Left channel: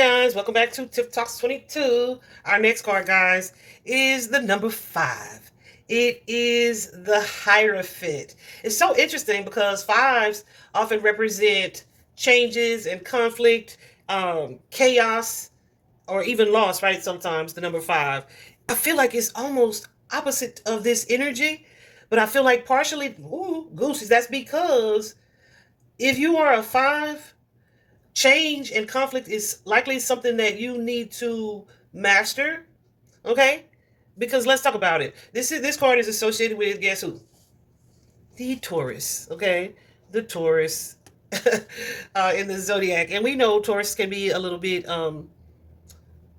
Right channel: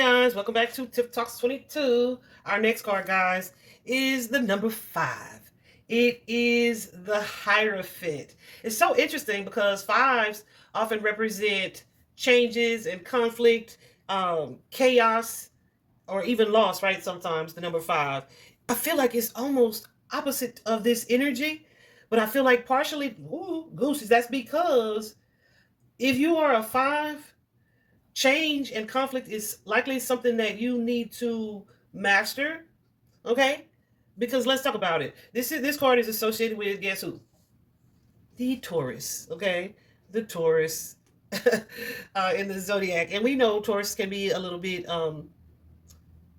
Guys, welcome back to Tip Talks 22. Our next card, guys, is the number 5. It is the Hierophant. It's so interesting because fives often represent changes and conflict, chaos, or even loss, right? Sometimes the number 5. I feel like it's almost opposite of this energy, but I feel like partially, ooh, goosies, that's because if you are a 5, change and conflict is likely something that you need to master. Okay, because let's talk about it. This card is associated with, guess who? The Taurus. Okay, the Taurus in the zodiac, and we know Taurus can be a little bit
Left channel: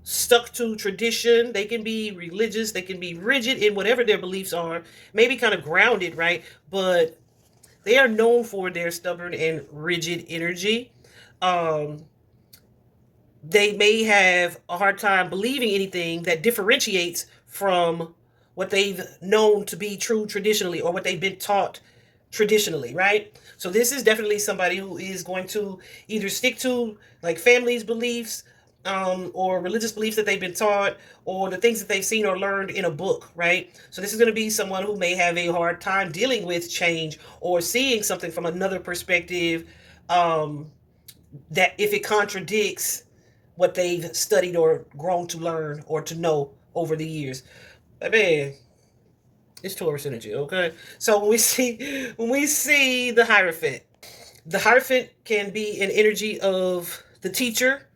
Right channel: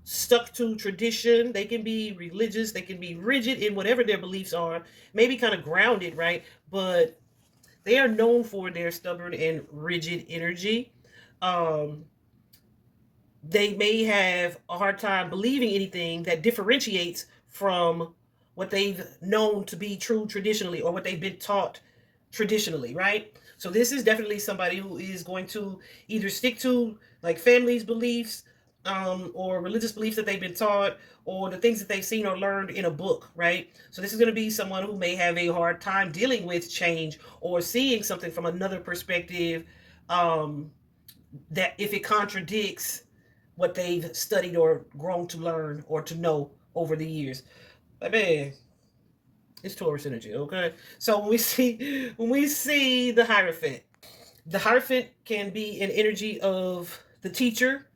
stuck to tradition. They can be religious. They can be rigid in whatever their beliefs are. Maybe kind of grounded, right? But they are known for their stubborn and rigid energy. Um, they may have a hard time believing anything that differentiates from what they've known to be true traditionally or what they've been taught traditionally, right? So this is definitely somebody who is going to either stick to like family's beliefs, or religious beliefs that they've been taught, or the things that they've seen or learned in a book, right? So this is going to be someone who may have a hard time dealing with change or seeing something from another perspective, that if it contradicts what they've studied or grown to learn or to know over the years. But man, it's Taurus energy, okay? So when we see the Hierophant can be an energy of the teacher.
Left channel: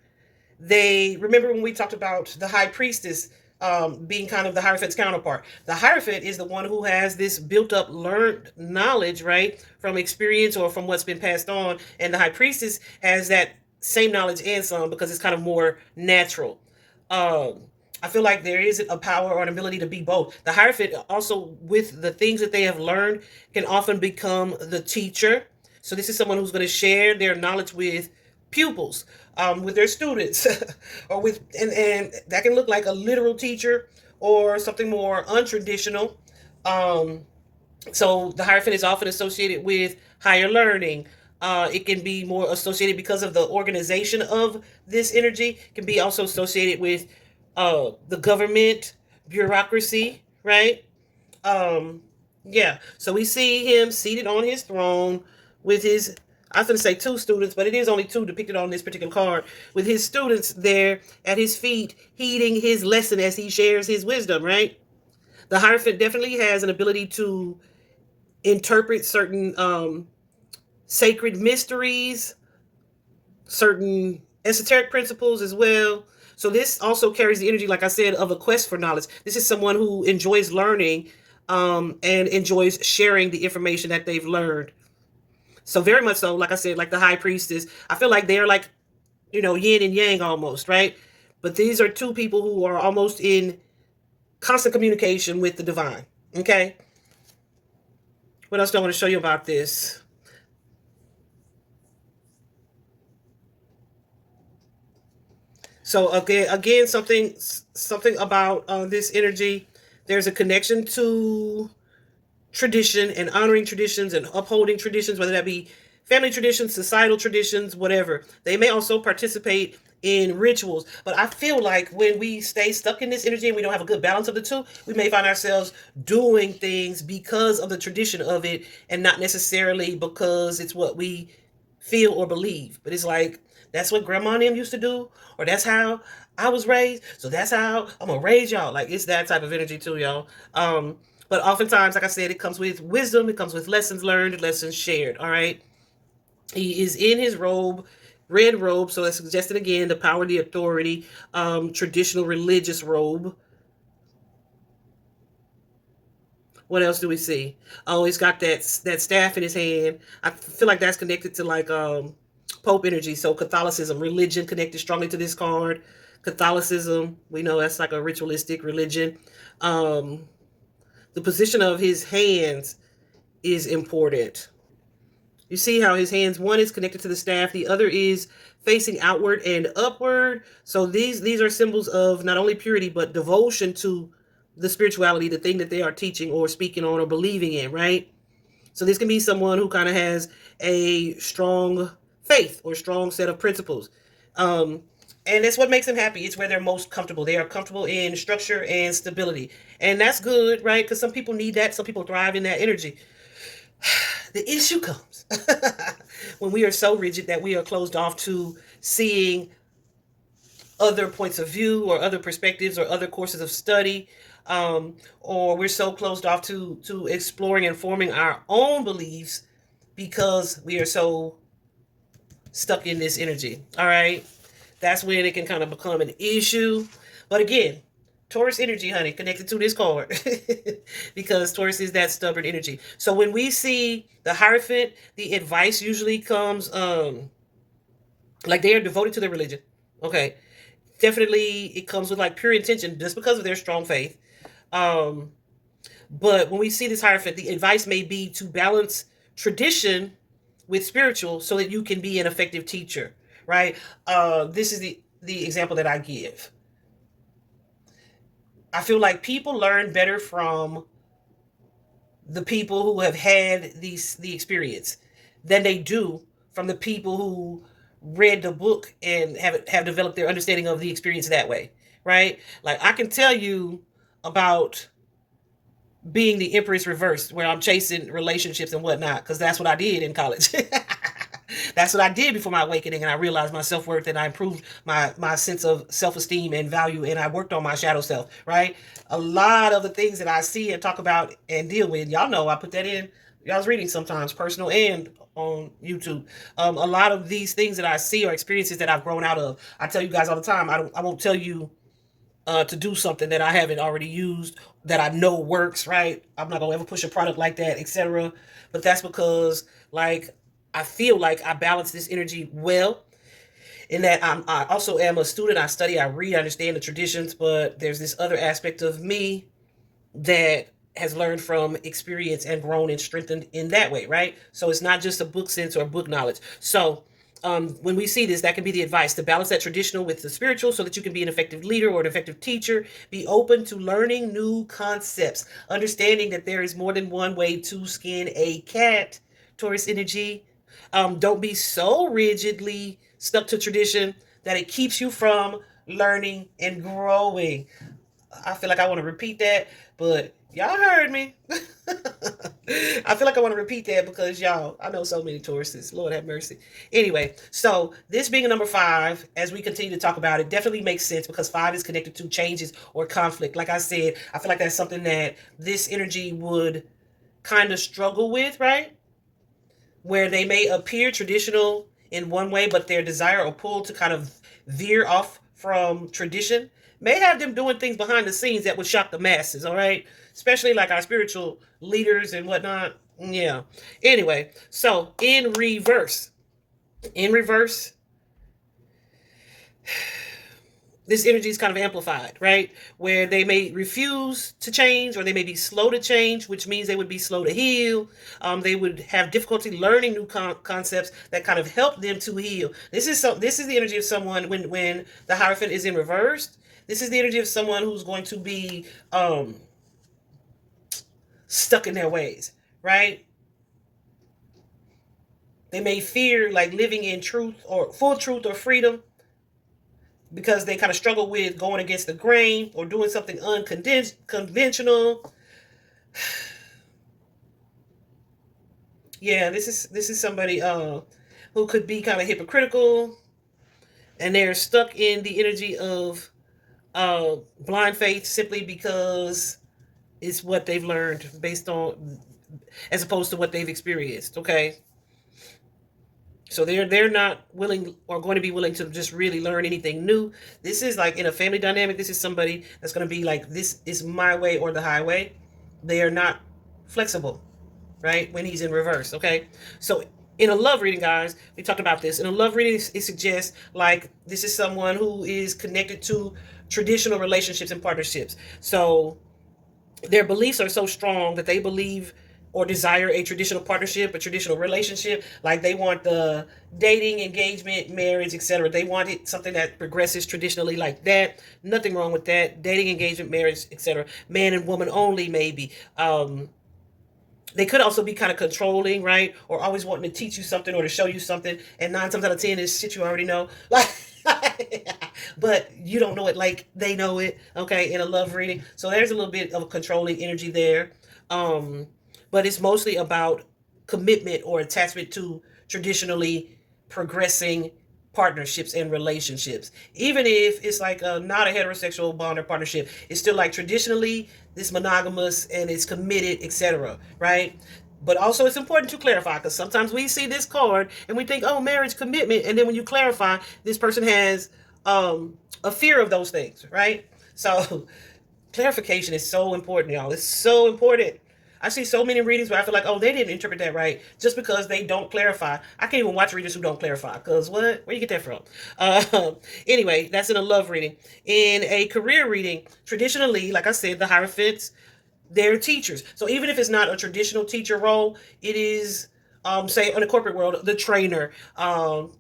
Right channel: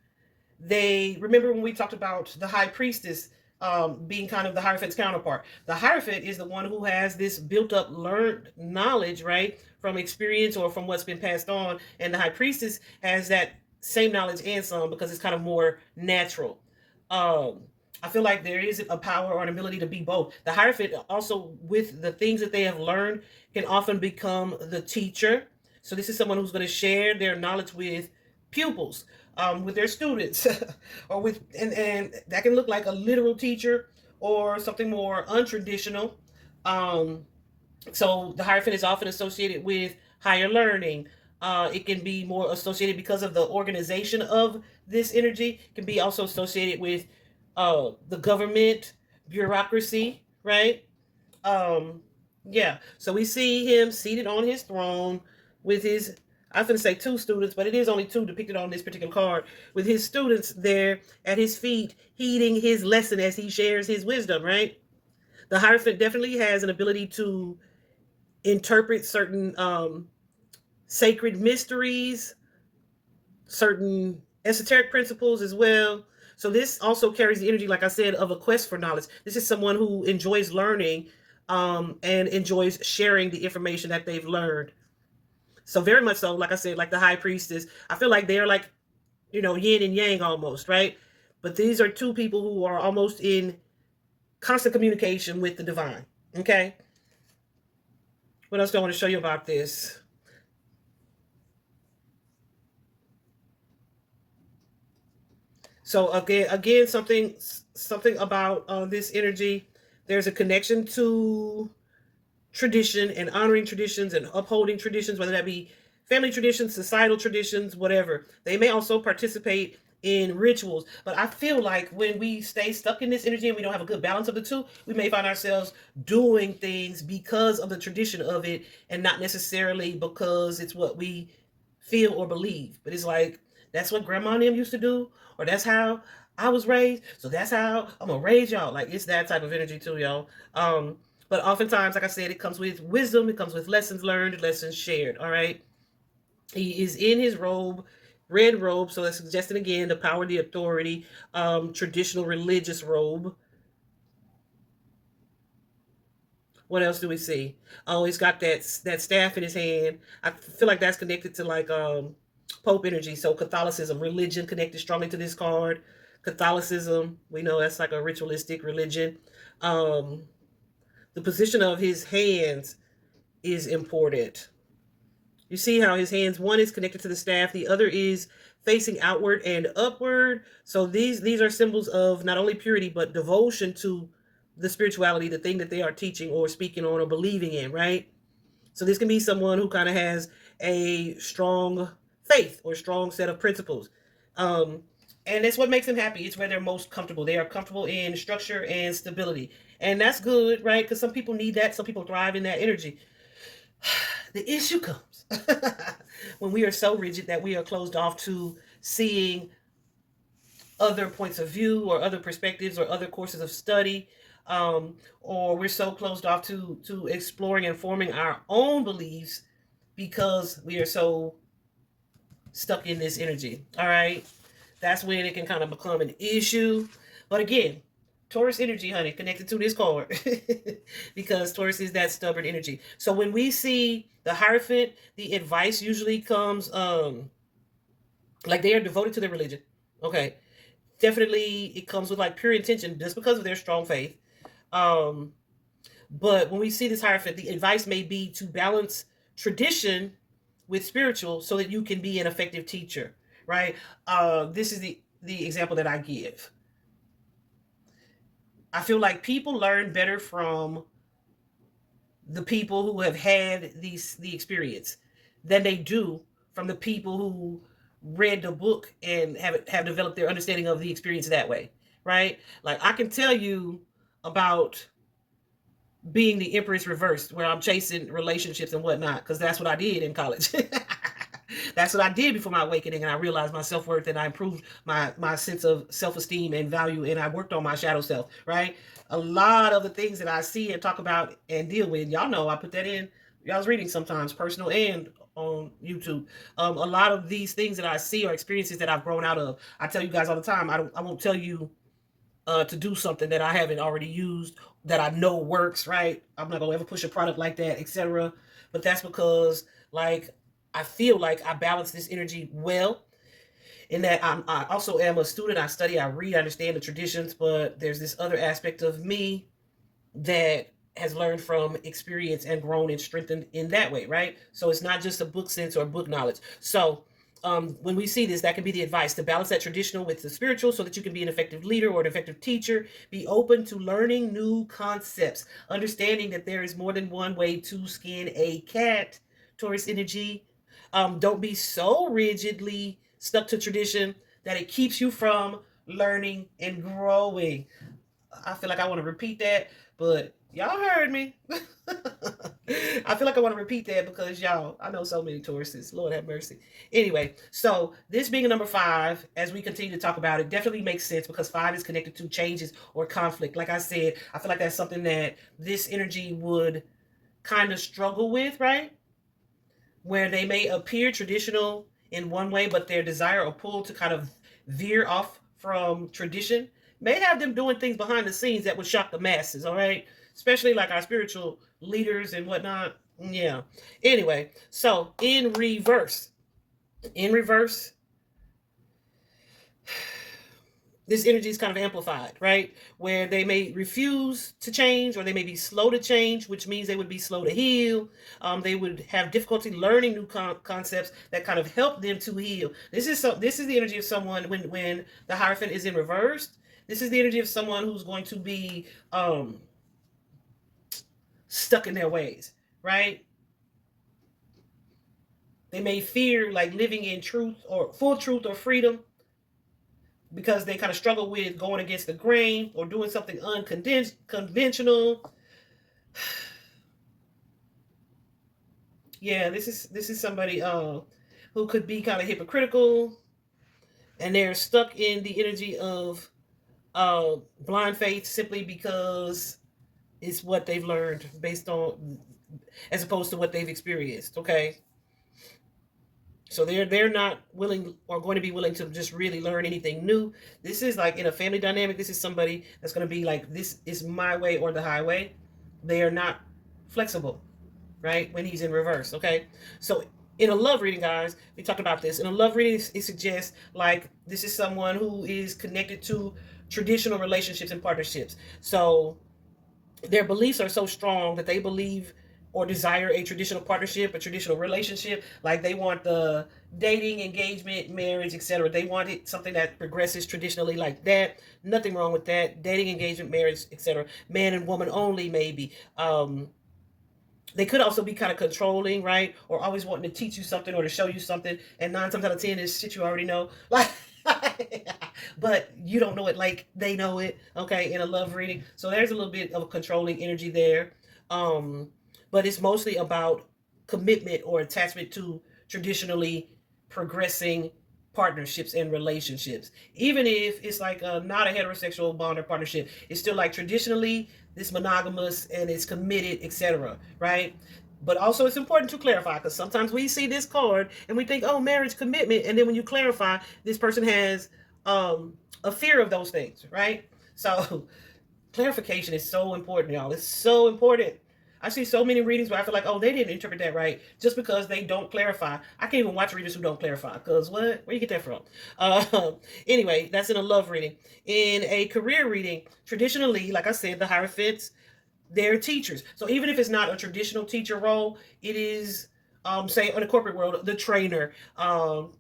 They remember when we talked about the high priestess, being kind of the Hierophant's counterpart. The Hierophant is the one who has this built up learned knowledge, right, from experience or from what's been passed on, and the high priestess has that same knowledge and some because it's kind of more natural. Um, I feel like there is a power or an ability to be both. The Hierophant also, with the things that they have learned, can often become the teacher. So this is someone who's going to share their knowledge with pupils, with their students, or with and that can look like a literal teacher or something more untraditional. Um, so the Hierophant is often associated with higher learning. It can be more associated because of the organization of this energy. It can be also associated with the government, bureaucracy, right? Um, yeah. So we see him seated on his throne with his, I was going to say two students, but it is only two depicted on this particular card, with his students there at his feet, heeding his lesson as he shares his wisdom, right? The Hierophant definitely has an ability to interpret certain sacred mysteries, certain esoteric principles as well. So this also carries the energy, like I said, of a quest for knowledge. This is someone who enjoys learning, and enjoys sharing the information that they've learned. So very much so, like I said, like the high priestess, I feel like they're like, yin and yang almost, right? But these are two people who are almost in constant communication with the divine. Okay. What else do I want to show you about this? So again, something about this energy. There's a connection to tradition and honoring traditions and upholding traditions, whether that be family traditions, societal traditions, whatever. They may also participate in rituals. But I feel like when we stay stuck in this energy and we don't have a good balance of the two, we may find ourselves doing things because of the tradition of it and not necessarily because it's what we feel or believe. But it's like, that's what grandma and them used to do, or that's how I was raised, so that's how I'm gonna raise y'all. Like, it's that type of energy too, y'all. But oftentimes, like I said, it comes with wisdom, it comes with lessons learned, lessons shared. All right. He is in his robe, red robe, so that's suggesting again the power, the authority, traditional religious robe. What else do we see? Oh, he's got that staff in his hand. I feel like that's connected to like Pope energy. So Catholicism, religion connected strongly to this card. Catholicism, we know that's like a ritualistic religion. Um, the position of his hands is important. You see how his hands, one is connected to the staff, the other is facing outward and upward. So these are symbols of not only purity but devotion to the spirituality, the thing that they are teaching or speaking on or believing in, right? So this can be someone who kind of has a strong faith or strong set of principles. Um, And it's what makes them happy. It's where they're most comfortable. They are comfortable in structure and stability. And that's good, right? Because some people need that. Some people thrive in that energy. The issue comes when we are so rigid that we are closed off to seeing other points of view or other perspectives or other courses of study, or we're so closed off to exploring and forming our own beliefs because we are so stuck in this energy. All right, that's when it can kind of become an issue. But again, Taurus energy, honey, connected to this card because Taurus is that stubborn energy. So when we see the Hierophant, the advice usually comes like they are devoted to their religion. Okay, definitely it comes with like pure intention just because of their strong faith. Um, but when we see this Hierophant, the advice may be to balance tradition with spiritual so that you can be an effective teacher, right? This is the example that I give. I feel like people learn better from the people who have had the experience than they do from the people who read the book and have developed their understanding of the experience that way, right? Like I can tell you about being the Empress reversed, where I'm chasing relationships and whatnot, because that's what I did in college. That's what I did before my awakening, and I realized my self worth, and I improved my sense of self esteem and value, and I worked on my shadow self. Right, a lot of the things that I see and talk about and deal with, y'all know I put that in. I was reading sometimes, personal and on YouTube. A lot of these things that I see are experiences that I've grown out of. I tell you guys all the time. I won't tell you to do something that I haven't already used that I know works, right? I'm not gonna ever push a product like that, etc. But that's because like I feel like I balance this energy well. In that I also am a student. I study, I read, I understand the traditions, but there's this other aspect of me that has learned from experience and grown and strengthened in that way, right? So it's not just a book sense or book knowledge. So when we see this, that can be the advice to balance that traditional with the spiritual so that you can be an effective leader or an effective teacher. Be open to learning new concepts, understanding that there is more than one way to skin a cat. Taurus energy. Don't be so rigidly stuck to tradition that it keeps you from learning and growing. I feel like I want to repeat that, but y'all heard me. I feel like I want to repeat that because y'all, I know so many Tauruses. Lord have mercy. Anyway, so this being a number 5, as we continue to talk about it, definitely makes sense because 5 is connected to changes or conflict. Like I said, I feel like that's something that this energy would kind of struggle with, right? Where they may appear traditional in one way, but their desire or pull to kind of veer off from tradition may have them doing things behind the scenes that would shock the masses, all right? Especially like our spiritual leaders and whatnot. Yeah. Anyway, so in reverse, this energy is kind of amplified, right? Where they may refuse to change or they may be slow to change, which means they would be slow to heal. They would have difficulty learning new concepts that kind of help them to heal. This is the energy of someone when the Hierophant is in reverse. This is the energy of someone who's going to be stuck in their ways, right? They may fear like living in truth or full truth or freedom because they kind of struggle with going against the grain or doing something unconventional. Yeah, this is somebody who could be kind of hypocritical, and they're stuck in the energy of blind faith simply because it's what they've learned based on, as opposed to what they've experienced. Okay, so they're not willing or going to be willing to just really learn anything new. This is like in a family dynamic. This is somebody that's going to be like, this is my way or the highway. They are not flexible, right? When he's in reverse. Okay, so in a love reading, guys, we talked about this. In a love reading, it suggests like this is someone who is connected to traditional relationships and partnerships. So their beliefs are so strong that they believe or desire a traditional partnership, a traditional relationship. Like they want the dating, engagement, marriage, etc. They want it something that progresses traditionally like that. Nothing wrong with that. Dating, engagement, marriage, etc. Man and woman only, maybe. They could also be kind of controlling, right? Or always wanting to teach you something or to show you something. And 9 times out of 10 is shit you already know. Like But you don't know it like they know it, okay, in a love reading. So there's a little bit of a controlling energy there. Um, but it's mostly about commitment or attachment to traditionally progressing partnerships and relationships. Even if it's like not a heterosexual bond or partnership, it's still like traditionally this monogamous and it's committed, etc. Right? But also, it's important to clarify because sometimes we see this card and we think, oh, marriage commitment. And then when you clarify, this person has a fear of those things, right? So, clarification is so important, y'all. It's so important. I see so many readings where I feel like, oh, they didn't interpret that right just because they don't clarify. I can't even watch readers who don't clarify because what? Where you get that from? Anyway, that's in a love reading. In a career reading, traditionally, like I said, the Hierophants, they're teachers. So even if it's not a traditional teacher role, it is, say, in the corporate world, the trainer, or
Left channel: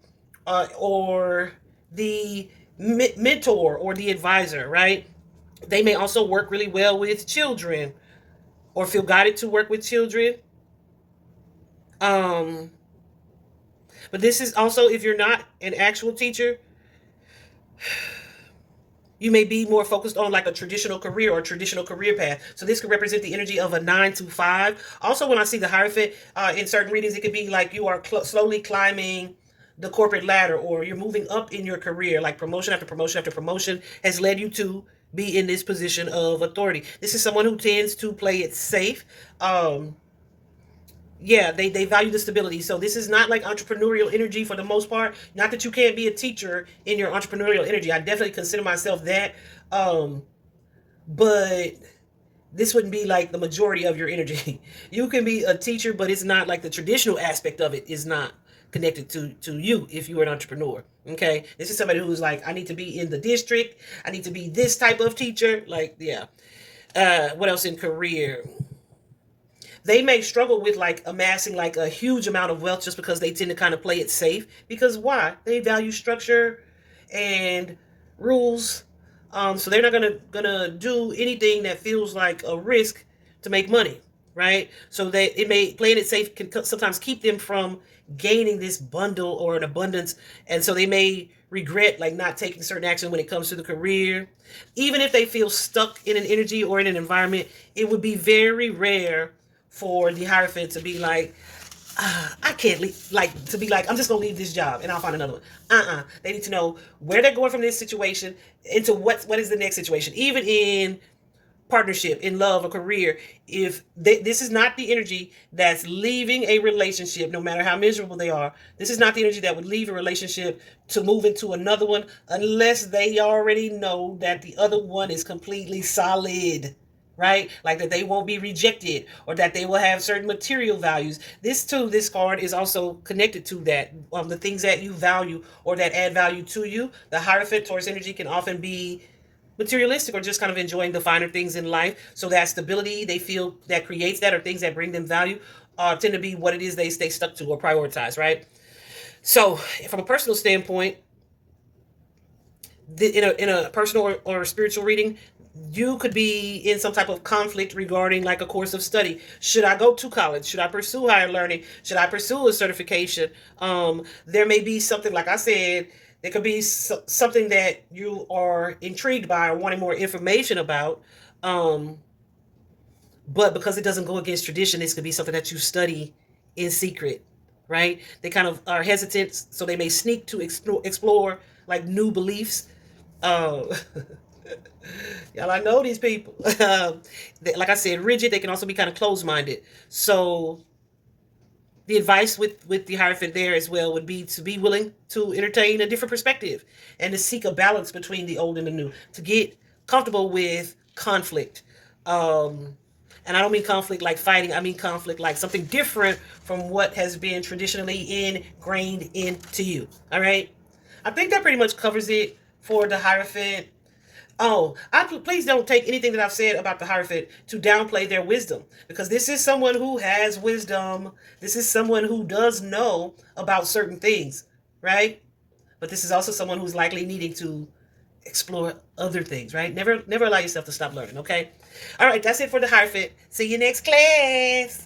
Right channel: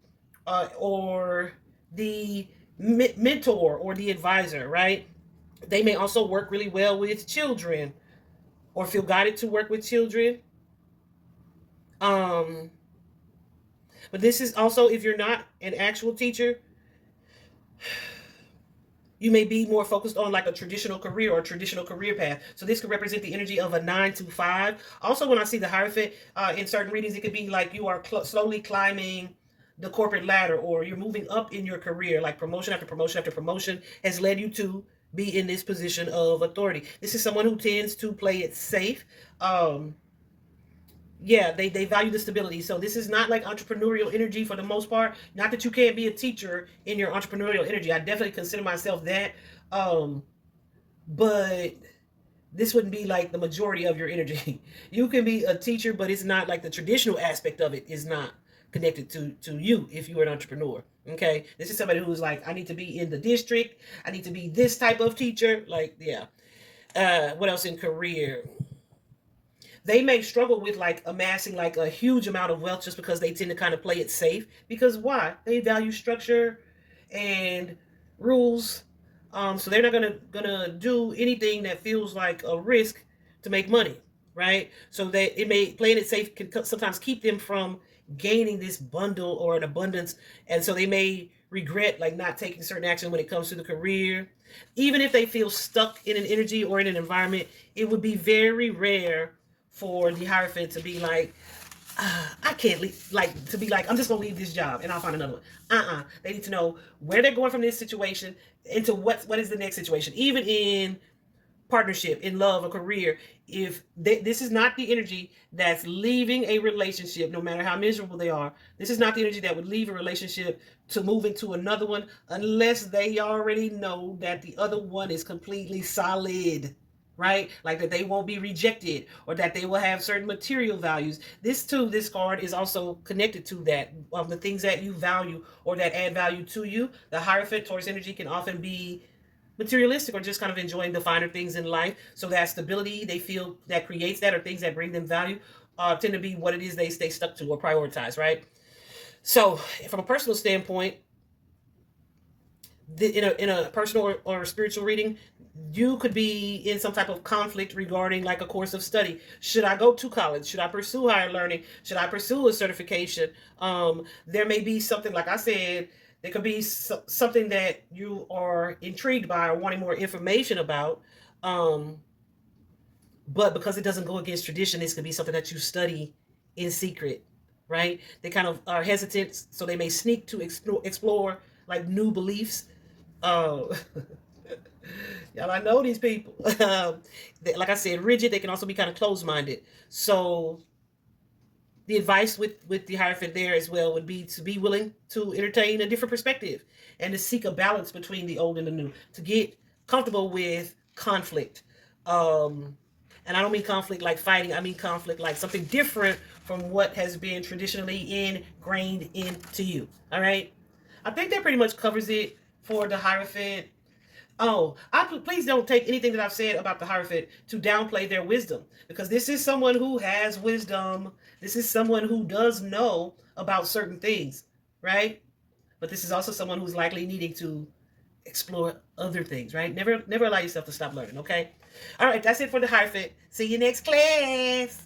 the mentor or the advisor, right? They may also work really well with children or feel guided to work with children. Um, but this is also, if you're not an actual teacher, you may be more focused on like a traditional career or traditional career path. So this could represent the energy of a 9 to 5. Also, when I see the Hierophant in certain readings, it could be like you are slowly climbing the corporate ladder or you're moving up in your career, like promotion after promotion after promotion has led you to be in this position of authority. This is someone who tends to play it safe. Yeah, they value the stability. So this is not like entrepreneurial energy for the most part. Not that you can't be a teacher in your entrepreneurial energy. I definitely consider myself that. Um, but this wouldn't be like the majority of your energy. You can be a teacher, but it's not like the traditional aspect of it is not connected to you if you're an entrepreneur. Okay. This is somebody who's like, I need to be in the district. I need to be this type of teacher. Like, yeah. What else in career? They may struggle with like amassing like a huge amount of wealth just because they tend to kind of play it safe. Because why? They value structure and rules. So they're not gonna do anything that feels like a risk to make money, right? So they it may playing it safe can sometimes keep them from gaining this bundle or an abundance, and so they may regret like not taking certain action when it comes to the career. Even if they feel stuck in an energy or in an environment, it would be very rare for the Hierophant to be like, I can't leave, like to be like, I'm just gonna leave this job and I'll find another one. They need to know where they're going from this situation into what is the next situation. Even in partnership, in love, a career, if this is not the energy that's leaving a relationship, no matter how miserable they are, this is not the energy that would leave a relationship to move into another one unless they already know that the other one is completely solid, right? Like that they won't be rejected or that they will have certain material values. This card is also connected to that. The things that you value or that add value to you. The Hierophant Taurus energy can often be materialistic or just kind of enjoying the finer things in life. So that stability they feel that creates that or things that bring them value tend to be what it is they stay stuck to or prioritize, right? So from a personal standpoint, in a personal or spiritual reading, you could be in some type of conflict regarding like a course of study. Should I go to college? Should I pursue higher learning? Should I pursue a certification? There may be something, like I said, there could be something that you are intrigued by or wanting more information about. But because it doesn't go against tradition, this could be something that you study in secret, right? They kind of are hesitant, so they may sneak to explore like new beliefs. Uh, Y'all, I know these people. Like I said, rigid. They can also be kind of closed-minded. So the advice with the Hierophant there as well would be to be willing to entertain a different perspective and to seek a balance between the old and the new, to get comfortable with conflict. And I don't mean conflict like fighting. I mean conflict like something different from what has been traditionally ingrained into you. All right. I think that pretty much covers it for the Hierophant. Oh, please don't take anything that I've said about the Hierophant to downplay their wisdom, because this is someone who has wisdom. This is someone who does know about certain things, right? But this is also someone who's likely needing to explore other things, right? Never allow yourself to stop learning, okay? All right, that's it for the Hierophant. See you next class.